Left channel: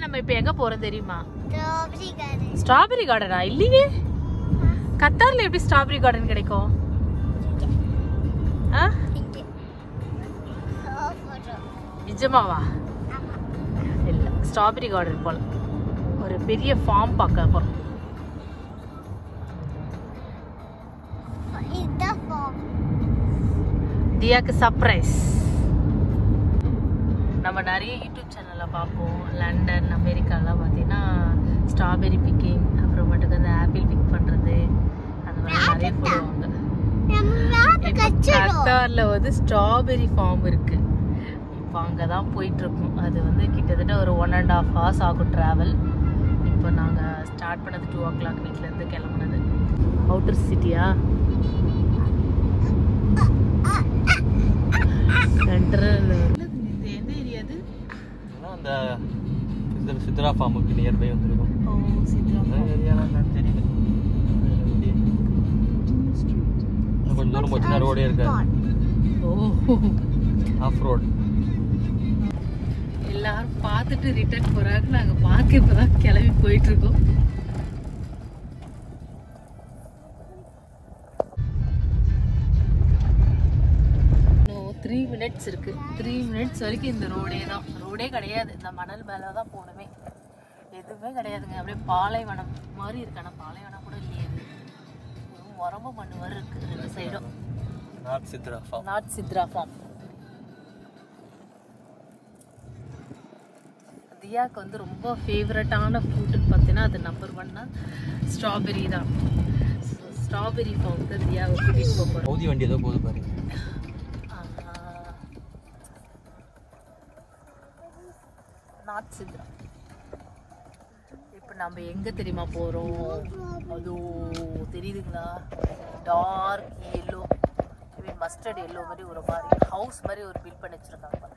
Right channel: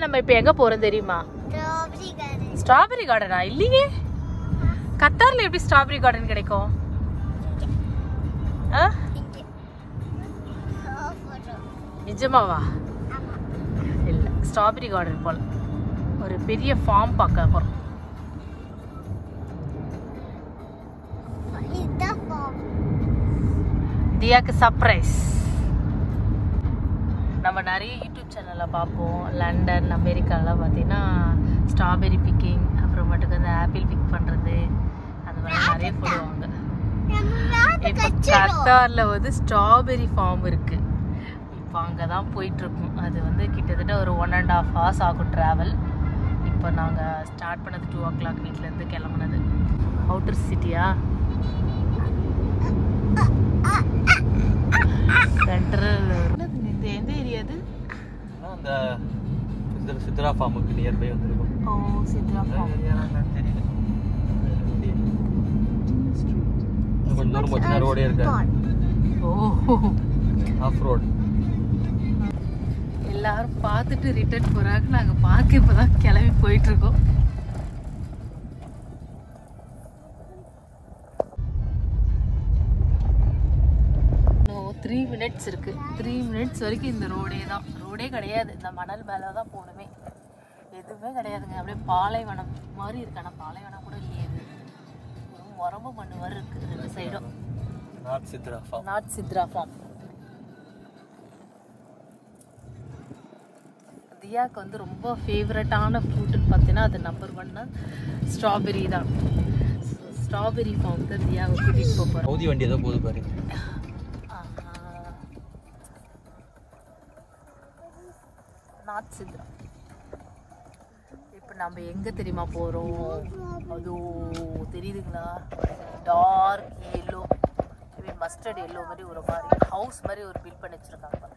நம்ம இப்ப எங்க போறோம் தெரியுமா? ஸ்ட்ராபெரி கார்டனா? இல்லையே, கத்தார்ல எப்படி ஸ்ட்ராபெரி கார்டன் கிடைக்கும்? நிஜமாவா? இல்ல, ஸ்ட்ராபெரி கார்டன் போல ஒரு பெரிய ஃபார்ம் பார்க்க போறோம். தியாக்கு சர்ப்ரைஸ். நம்ம நிறைய யூடியூப் சேனல்ல பார்ப்போம், லண்டன் அமெரிக்காலாம் பார்த்தீங்கன்னா ஸ்ட்ராபெரி பிக்கிங், அப்புறம் மட்டும் அந்த ஆப்பிள் பிக் பண்றது, அந்த மாதிரி நிறைய போடுவாங்க. கத்தார்ல வந்து ஸ்ட்ராபெரி ஃபார்ம் இருக்கு. இப்போ அங்கதான் போயிட்டு இருக்கோம். அது வந்து கிட்டத்தட்ட ஒரு 1.5 hours ஆகும் டிராவல். இப்போ நாங்க ஸ்டார்ட் பண்ணது 2 o'clock வீட்ல இருந்து கிளம்புனது. அவுட்டர் சிட்டியா சென்ட்ரல். எந்த ஏரியா அது? அந்த சித்ரா ஃபார்முக்கு நியர்பை வந்திருக்கும். சித்ரா ஃபார்ம். கொஞ்சம் தூரம் போச்சுன்னா ரோடே இருக்காது. Off road. எல்லாரும் பார்த்துட்டு ரிட்டர்ன் போறாங்க. நாங்க பார்க்க இப்பதான் கிளம்பி போயிட்டு இருக்கோம். இன்னும் 3 minutes இருக்கு. 3 minutes வரைக்கும் இந்த ரோடே தான். ரோடே கிடையாது, இந்த மணல் மேலதான் போகணுமே. எதுவுமே கிடையாதுங்க. அப்படியே பாலைவனம் மாதிரி இருக்கு. ஆனா பாலைவனம் கூட இல்லையே, உரம்பு மண்ணு மாதிரி இருக்கு ரெண்டு சைடும். North Chitra farm. North Chitra farm. தியாக்கு வந்து ரொம்ப ஃபேவரட்டான ஃப்ரூட்டுன்னு பார்த்தீங்கன்னா அது நம்பர் 1 ஸ்ட்ராபெரி தான். ஸ்ட்ராபெரி ஃபார்ம் தான் தியாவை கூட்டிட்டு போகிறோம். சவுதி வண்டி ஏதோ போகுது பாருங்க. நார்த் சித்ரா. இப்போ நம்ம எங்கே தெரியுமா போகிறோம்? அதோ தெரியுதுங்களா? டார்க் எல்லோ, மஸ்டர்ட் எல்லோ மாதிரி ஒரு மாதிரி ஹவுஸ் மாதிரி ஒரு பில்ட் பண்ணி வச்சுருக்காங்க.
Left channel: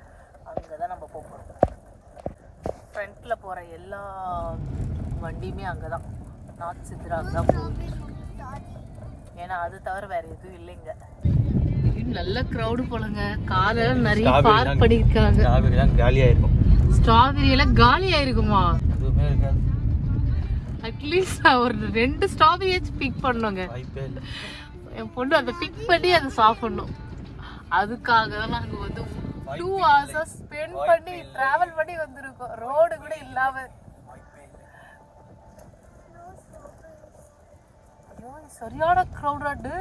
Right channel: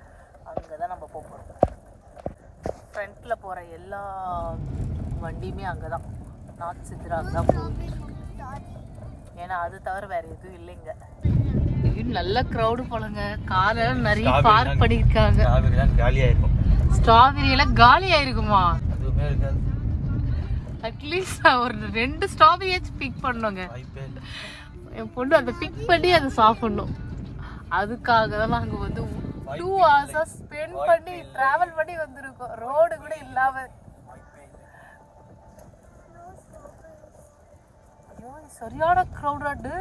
அங்கே தான் நம்ம போகிறோம். ஃப்ரண்ட்டில் போகிற எல்லா வண்டியுமே அங்கே தான், நார்த் சித்ராவுக்கு தான் போகுது. ஏன்னா அது தவிர வேறு எதுவும் இல்லைங்க. நல்ல க்ரௌடு போலங்க. காரெல்லாம் நிறைய பார்க் பண்ணியிருக்காங்க. காலியாக இருக்கும். ஸ்ட்ராபெரி எல்லாம் காலி ஆயிருக்குமா? எதுவுமே இருக்காது. அட்லீஸ்ட் ஒரு 2 ஸ்ட்ராபெரியாச்சும் பிக் பண்ணுங்க. என் பொண்ணு அதை பிக் பண்ணி அதை சாப்பிடணும். அதுக்காக தான் நாங்கள் வந்து 2 hours ஸ்பெண்ட் பண்ணி டிராவல் பண்ணி வந்திருக்கோம், ரோடு கூட இல்லாம. ஐயோ, சரியான க்ரௌடாடு.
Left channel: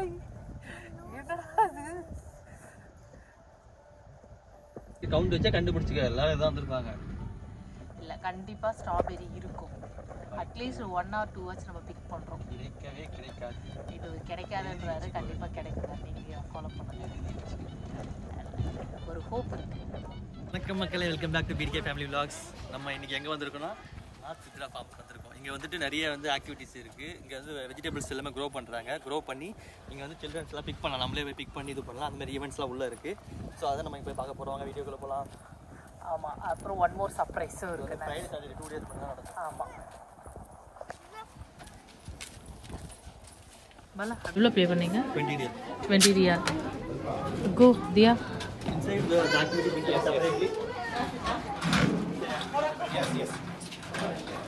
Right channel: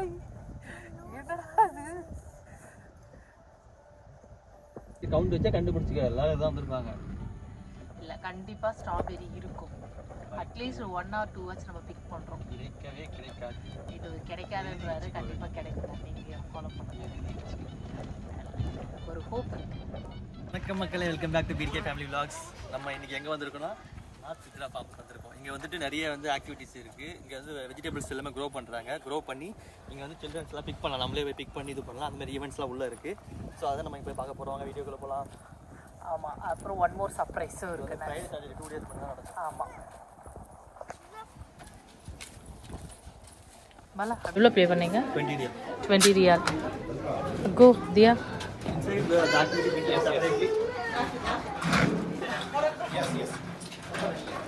கவுண்ட் வச்சா கண்டுபிடிச்சிக்க எல்லாரும் இதான் வந்திருக்காங்க. இல்ல, கண்டிப்பா ஸ்ட்ராபெரி இருக்கும். அட்லீஸ்ட் 1 or 2 hours நம்ம பிக் பண்றோம். கிடைக்கவே கிடைக்காது. இது கிடைக்காதுன்றாரு. கண்டிப்பா கிடைக்குங்க. நீங்க ஃபாலோ பண்ணுங்க. ஒரு ஹோப் இருக்கு. வணக்கம் மக்களே, welcome back to BDK family vlogs. நம்ம இன்னைக்கு எங்கே வந்திருக்கோம்னா நார்த் சித்ரா ஃபார்முக்கு வந்திருக்கோம். இங்கே வந்துட்டு நிறைய வந்து ஆக்டிவிட்டிஸ் இருக்குது. இங்கே வந்து வெஜிடபிள்ஸ் எல்லாமே க்ரோ பண்ணுறாங்க. க்ரோ பண்ணி இங்கே வந்து சில்ட்ரன்ஸ்லாம் பிக் பண்ணலாம், நம்மளே போய் பிக் பண்ணி இது பண்ணலாம். அந்த மாதிரி ஈவெண்ட்ஸ்லாம் உள்ளே இருக்குது. ஸோ அதை நம்ம இப்போ பார்க்க போகிறோம். வீடியோக்குள்ளே போகலாம். ஆமாம், அப்புறம் 1 more சர்ப்ரைஸும் இருக்குது. 2 days பண்ணால் நடக்கும். ஆமாம். பலா எவ்வளோ பே பண்ணீங்க? 20 days. 20 riyal. Go, Dia. Inside the activity we can separately.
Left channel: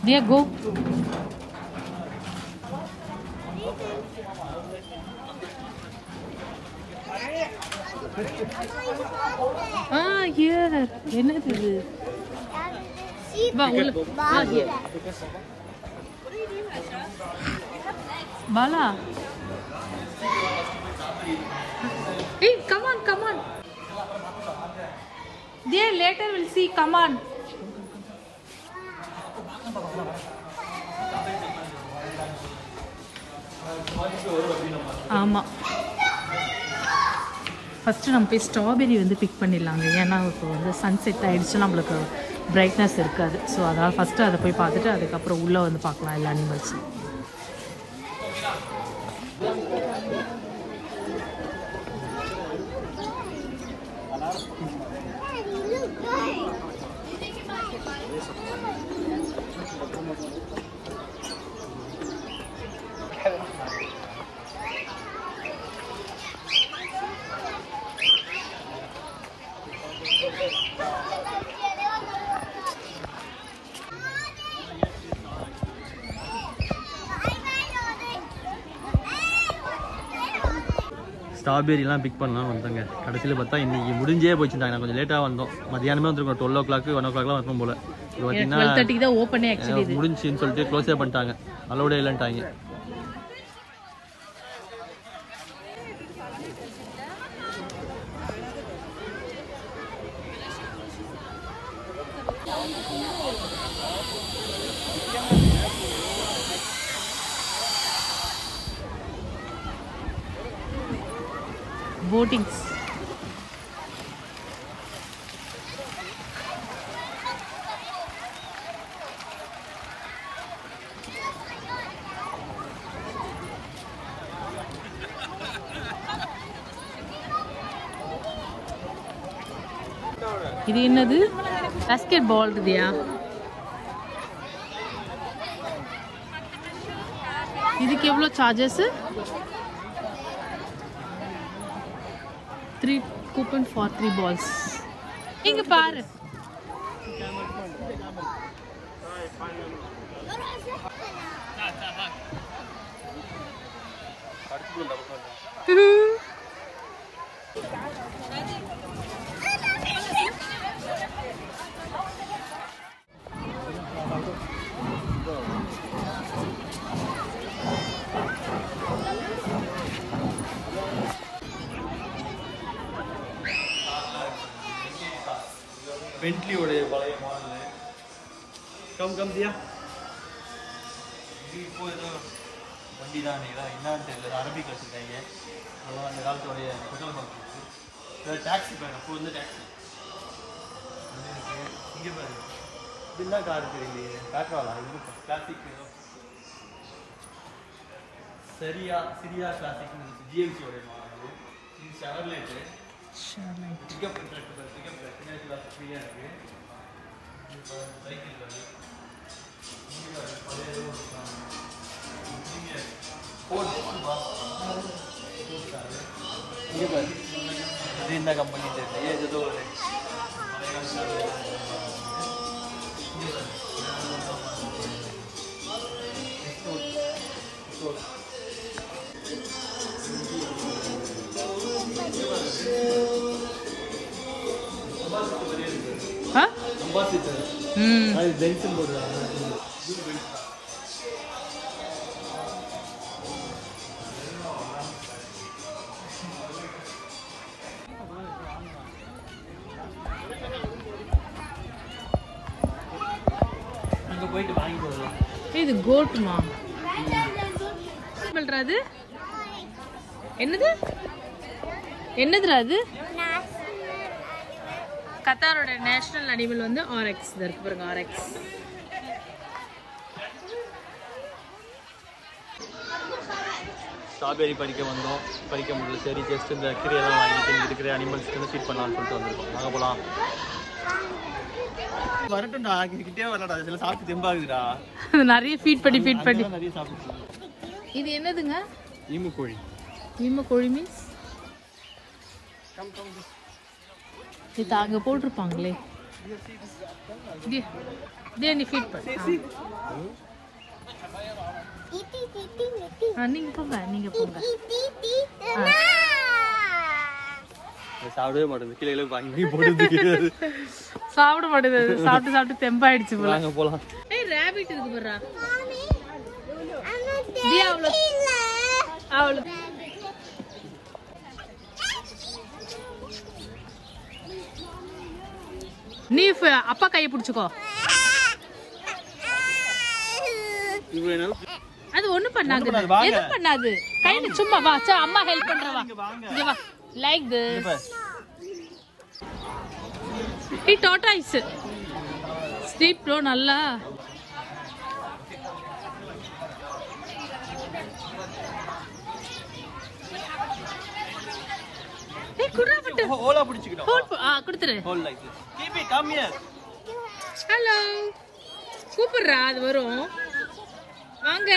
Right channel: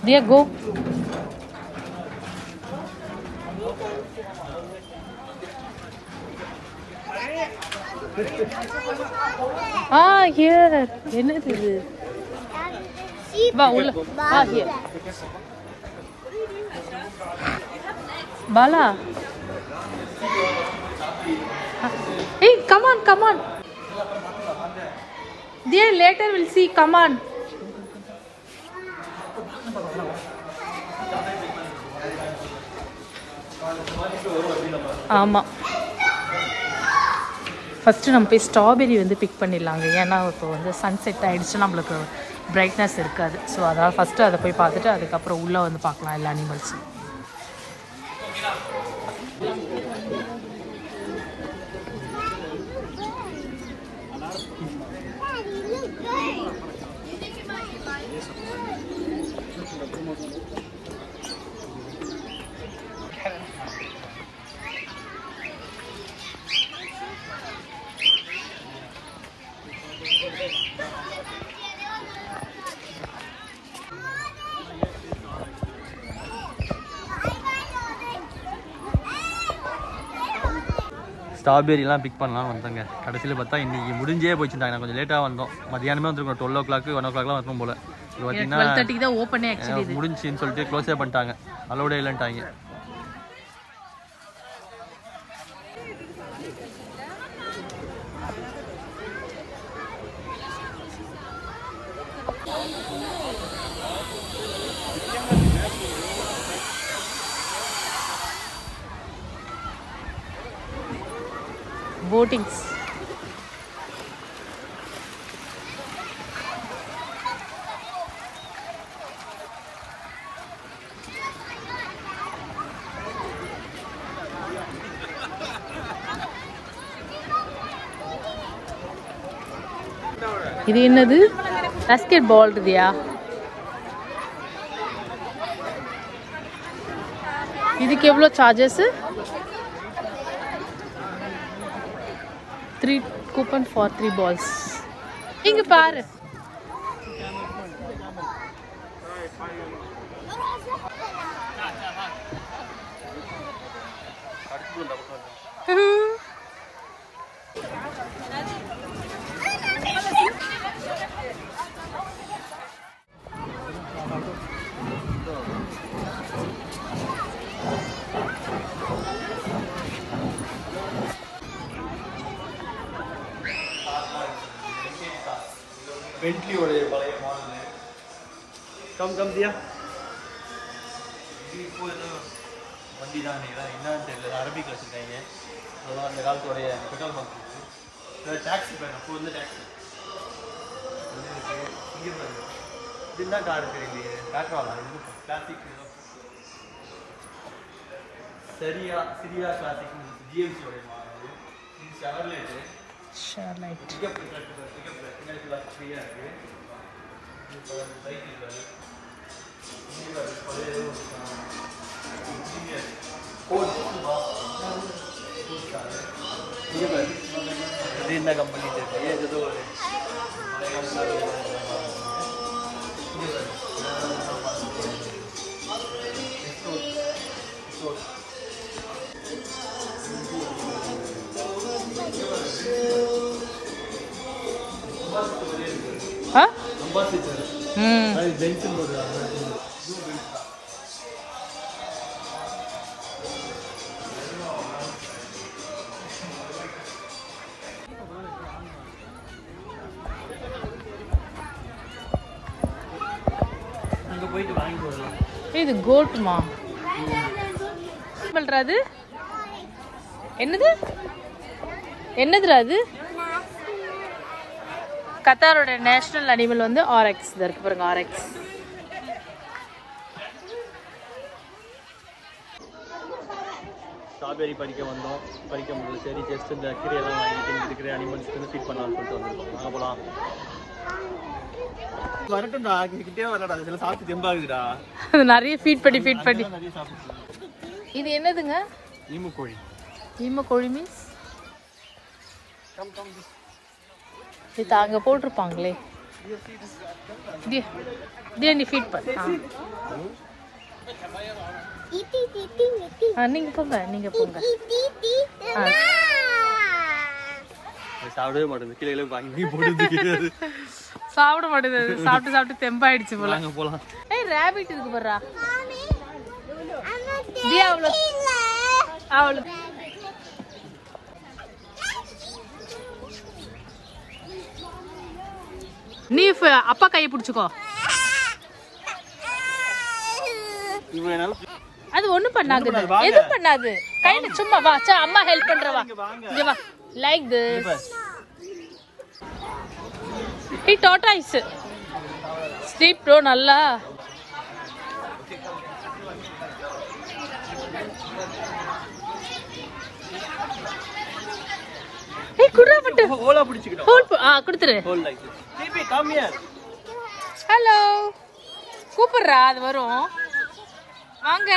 Dia, go. Here. என்னது இது? வா உள்ள. Here. Bala. Hey, come on, come on. Dear, later we'll see. Come on. ஆமாம், ஃபஸ்ட்டு நம்ம போய் ஸ்ட்ராபெரி வந்து பிக் பண்ணிடலாங்க. ஏன்னா இப்போ வந்து சன்செட் ஆகிடுச்சு, நம்மளுக்கு பிரைட்னஸ் இருக்காது. ஸோ அதாவது ஃபஸ்ட்டு அதை போய் பார்த்துட்டு அதுக்கப்புறம் உள்ளே வந்து பார்க்கலாம் எல்லா அனிமல்ஸும். ஸ்ட்ராபெரிலாம் பிக் பண்ணலாம் வந்தாங்க. கடைசியில் பார்த்தா இன்றைக்கி முடிஞ்சே போச்சுட்டாங்க. நான் கொஞ்சம் லேட்டாக வந்தோம். மதியானமே வந்துருக்கோம். 12 o'clock 1 o'clockலாம் வரணும் போல். இது பார்த்தீங்கன்னா முடிஞ்சுன்னு சொல்லிட்டு க்ளோஸே பண்ணிட்டாங்க. அலோடே இல்லைன்ட்டாங்க. போட்டிங்ஸ் இது என்னது பாஸ்கெட் பால் இதுயா இதுக்கு எவ்வளோ சார்ஜஸ் 3 coupon for 3 balls இங்க பாரு பென்ட்லியோடைய பழைய மாடல். கம் தியா. இது இப்போ ஏதோ வண்டி தான் என்னன்னு தெரியல. அரபிக் வச்சுருக்காங்க. அதெல்லாம் அந்த காலத்தோடைய பெட்ரோல் பங்க் இருக்குது. டாக்ஸி பாருங்க. இப்போ வந்து டாக்ஸி இங்கே பாருங்க. இது என்ன கார் தெரியலையே. காட்டுவாங்க. கிளாசிக் சிரியா கிளாசிக் ஜிஎம்சியோடைய மாடல். இது ஷெவர்லேட்டு. பிக்கப் ஃப்ரீயாக இருக்குது. சைக்கிள் இது என்ன கம்பெனி தெரியல. ஏதோ இது கோட்மா பண்றது என்னதுடா அது கத்தாரோட நேஷனல் அனிமல் வந்து ஆரெக்ஸ் இருக்கு பாருங்க ஆரெக்ஸ் ஸ்ட்ராபெரி பறிக்க வந்தோம் பறிக்க முடியல சரி ஜஸ்ட் இந்த கீரையெல்லாம் வாங்கிட்டு இங்கே இருக்கிற அனிமல்ஸ்க்கு ஃபீட் பண்ணலாம்னு சொல்லிட்டு வந்திருக்கோம் நாங்கள் போகலாம் வரட்டும்டா கிட்டே வரடா இதெல்லாம் சாப்பிட்டு தெம்பாகுதுடா நிறைய ஃபீட் பண்ணி நிறைய சாப்பிட்டு இது என்னதுங்க ஈமு கோழி மீன்ஸ் இது அங்கே போட்டிருப்பாங்களே நீ ஃபீட் பண்ண நீங்க போங்க சாப்பிடவே மாட்டேங்குது கீழே சாப்பிட மாட்டேங்குது சாப்பிட்டு தெம்பாயிடுச்சு போல ஏய் ராபிட் இருக்கு பாருடா தியா அவ்வளோ நீ அப்பா கையை பிடிச்சுக்கோ அது ஒண்ணு பண்ணாது எது பண்ணாது கையில சும்மா வா அம்மா ஹெல்ப் பண்றவா இங்க வா like this he tortoise sleep bro நல்லா ஏய் குறா பட்டு ஹோலா பிடிச்சிக்கணும் ஹோல் கொடுத்துரு whole like this baby come here hello கூப்பிடுறா அது வரும் வாங்க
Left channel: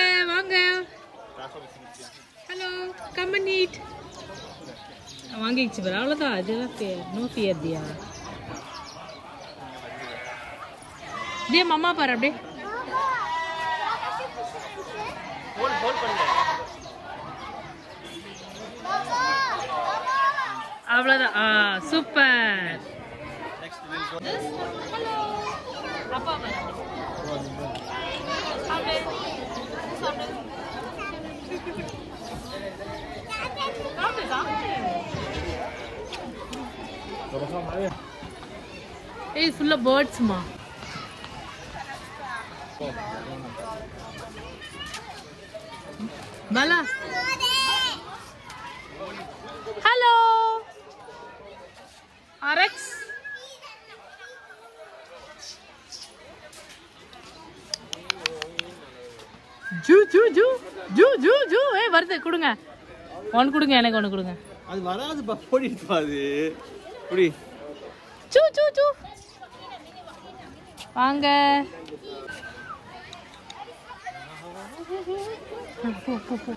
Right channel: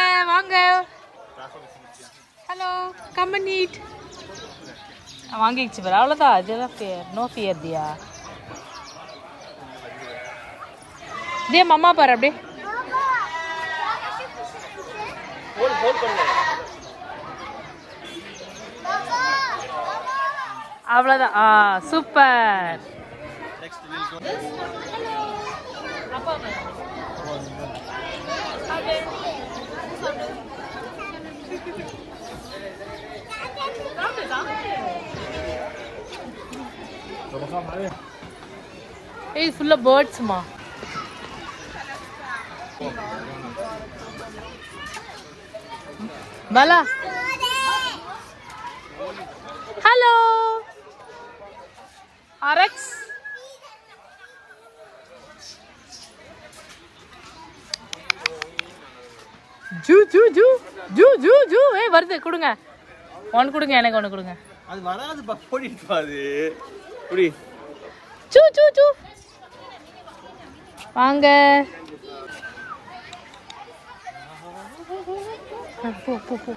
ஹலோ கம் அண்ட் ஈட் வாங்கிச்சு பாரு அவ்வளோதான் அதெல்லாம் நோ ஃபியர் தியா மம்மா பாரு அப்படியே ஹோல் பண்ணு அவ்வளவுதான். சூப்பர். அப்பா இது ஃபுல்லா பேர்ட்ஸ்மா. Bala hello RX. ஜூ ஜூ ஜூ ஜூ ஜூ ஜூ வருது. கொடுங்க, ஒன்று கொடுங்க, எனக்கு ஒன்று கொடுங்க. அது வராது பா, போடிட்டு பாரு. குடி. ஜூ ஜூ ஜூ வாங்க. போ போ போ.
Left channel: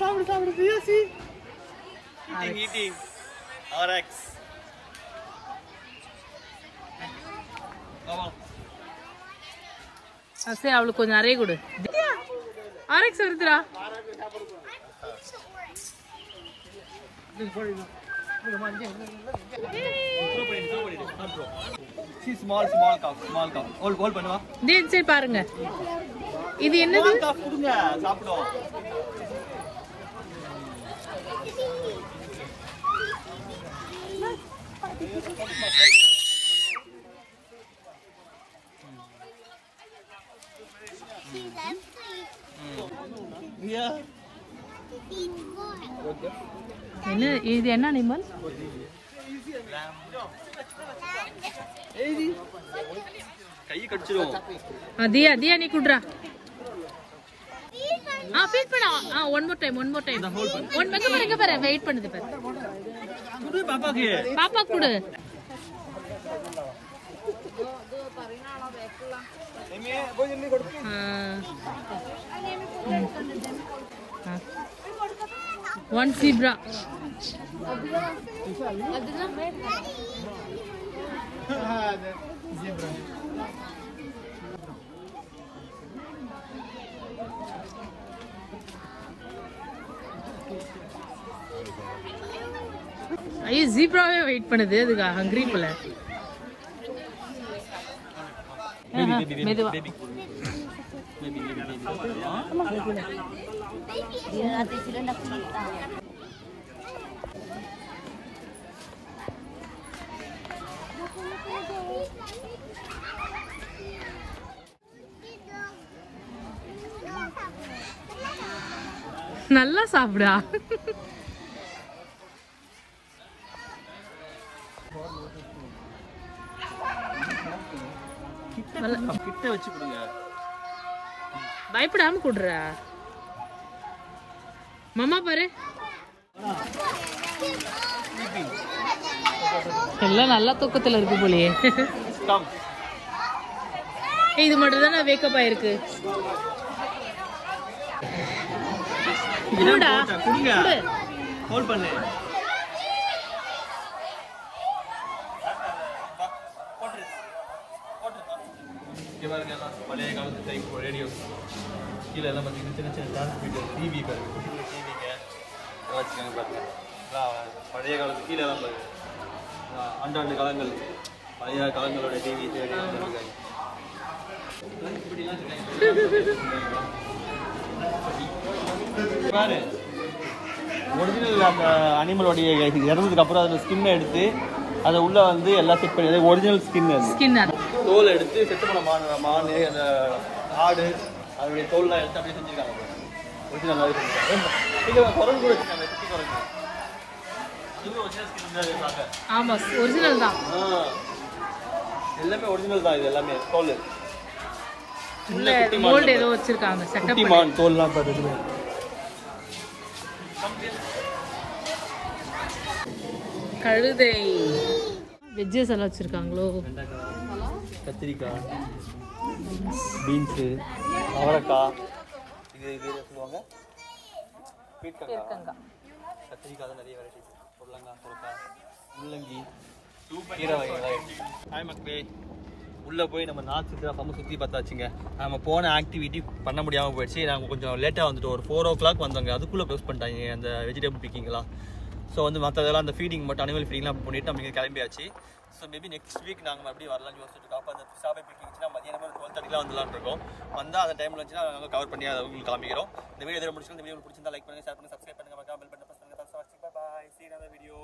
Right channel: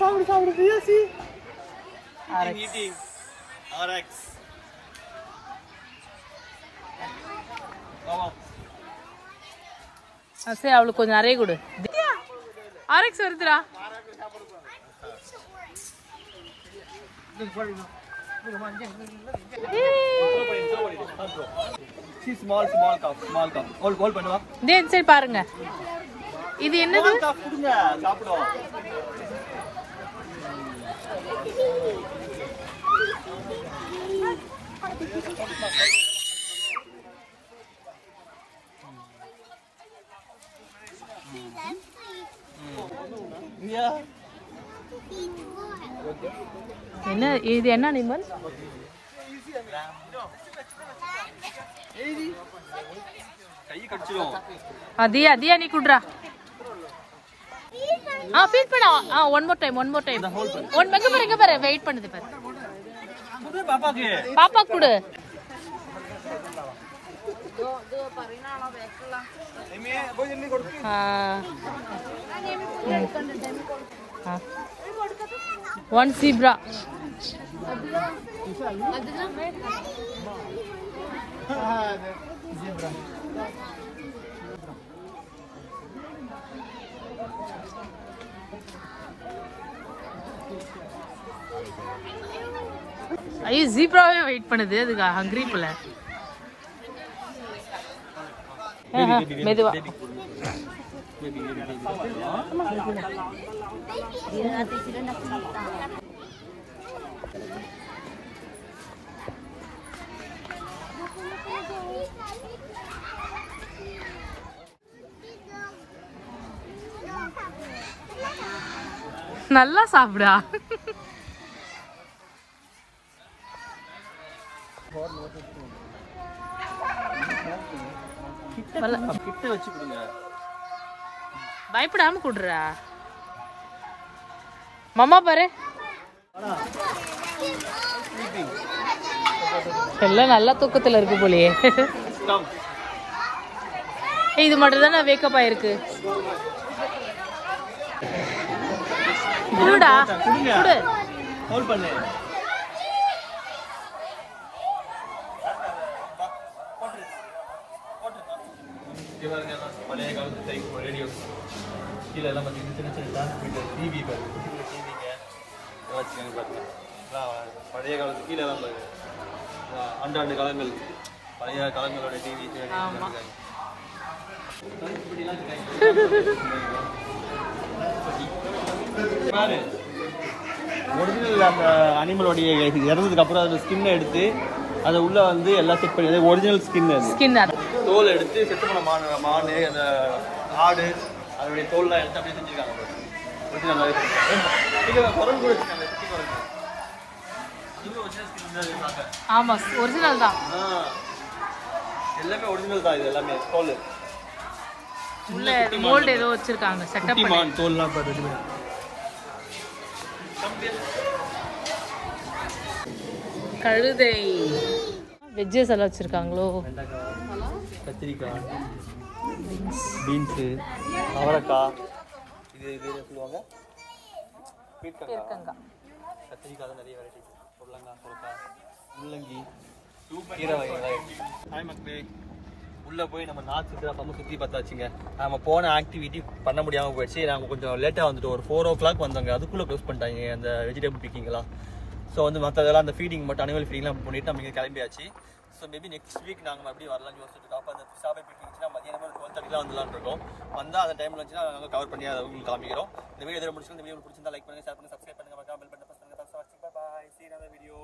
சாப்பிடு சாப்பிடு பியாசி. ஆர்எக்ஸ். சரி, அவளுக்கு கொஞ்சம் நிறைய கொடு. ஆர்எக்ஸ் வருதுடா. சரி பாருங்க, இது என்னது? சாப்பிடும். என்ன இது? என்ன அனிமல்? கை கடிச்சிரும். தியா தியா நீ குடுறா. ஃபீட் பண்ணா. One more time. ஒன் மெக்க பாரு வெயிட் பண்ணுது பாரு. குடு பாப்பாக்கு. பாப்பா குடு. One zebra. ஐயோ, ஜீப்ராவே வெயிட் பண்ணுது. அதுக்கு ஹங்கிரி போல. மெதுவா. நல்லா சாப்பிடா. கிட்ட வச்சு கொடுங்க. பயப்படாம குடுறா. மாமா பாரு, எல்லாம் நல்லா தூக்கத்துல இருக்கு போலயே. இது மட்டும் தான் வேக்கப் ஆயிருக்கு. கொடுங்க, ஹோல்ட் பண்ணு. பழைய காலத்து டைப் ரேடியோஸ் கீழே எல்லாம் பார்த்தீங்கன்னா சின்ன சின்ன டிரான்ஸ்மிட்டர் டிவி பாருங்க. டிவிங்க பழைய காலத்து கீழே எல்லாம் பாருங்க. ஆண்டாண்டு காலங்கள் பழைய காலங்களோட டிவி. ஒரிஜினல் அந்த அனிமலோடைய இறந்ததுக்கு அப்புறம் அதில் ஸ்கின்னை எடுத்து அதை உள்ள வந்து எல்லாம் செட் பண்ணி ஒரிஜினல் ஸ்கின் தோல் எடுத்து செட் பண்ண மாடு அந்த ஆடு அதனுடைய தோல்லாம் எடுத்து அப்படியே செஞ்சுருக்காங்க. ஆமா, ஒரிஜினல் தான். எல்லாமே ஒரிஜினல் தான். இது எல்லாமே தோல் மோல்ட் ஏதோ வச்சிருக்காங்க செட்டப் பண்ணி தோல்லாம் போட்டு. கழுதை வெஜ்ஜஸ் எல்லாம் வச்சிருக்காங்களோ. கத்திரிக்காய், பீன்ஸு, அவரைக்காய், பீர்க்கங்காய், கத்திரிக்காய் நிறைய வெரைட்டி, பொருளங்காய், சுரக்காய், முள்ளங்கி, கீரை வகைகள். ஹாய் மக்களே, உள்ளே போய் நம்ம நார்த் சித்ரா ஃபார்மை சுற்றி பார்த்தாச்சுங்க. நம்ம போன ஆக்டிவிட்டி பண்ண முடியாமல் போயிடுச்சு. நாங்கள் கொஞ்சம் லேட்டாக வந்துட்டு ஒரு 4 o'clock வந்தோங்க. அதுக்குள்ளே க்ளோஸ் பண்ணிட்டாங்க அந்த வெஜிடபிள் பிக்கிங்கெல்லாம். ஸோ வந்து மற்றதெல்லாம் அந்த ஃபீடிங் மட்டும் அனிமல் ஃபீடிங்லாம் பண்ணிட்டு நம்ம இங்கே கிளம்பியாச்சு. ஸோ மேபி நெக்ஸ்ட் வீக் நாங்கள் மறுபடியும் வரலாம்னு யோசிச்சுட்டு இருக்கோம். அப்போ அந்த ஸ்டாபை பிக்கிச்சுன்னா மதியானமே ஒரு 12:30 வந்துடலான்னு இருக்கோம். வந்தால் அந்த டைமில் வந்துச்சுன்னா நாங்கள் கவர் பண்ணி அதை உங்களுக்கு காமிக்கிறோம். இந்த வீடியோ எதிர முடிச்சுன்னா இந்த வீடியோ பிடிச்சிருந்தா லைக் பண்ணுங்கள், ஷேர் பண்ணுங்கள், சப்ஸ்கிரைப் பண்ணுங்கள், பெல் பட்டன் ப்ரெஸ் பண்ணுங்கள். பாய், see you in another video.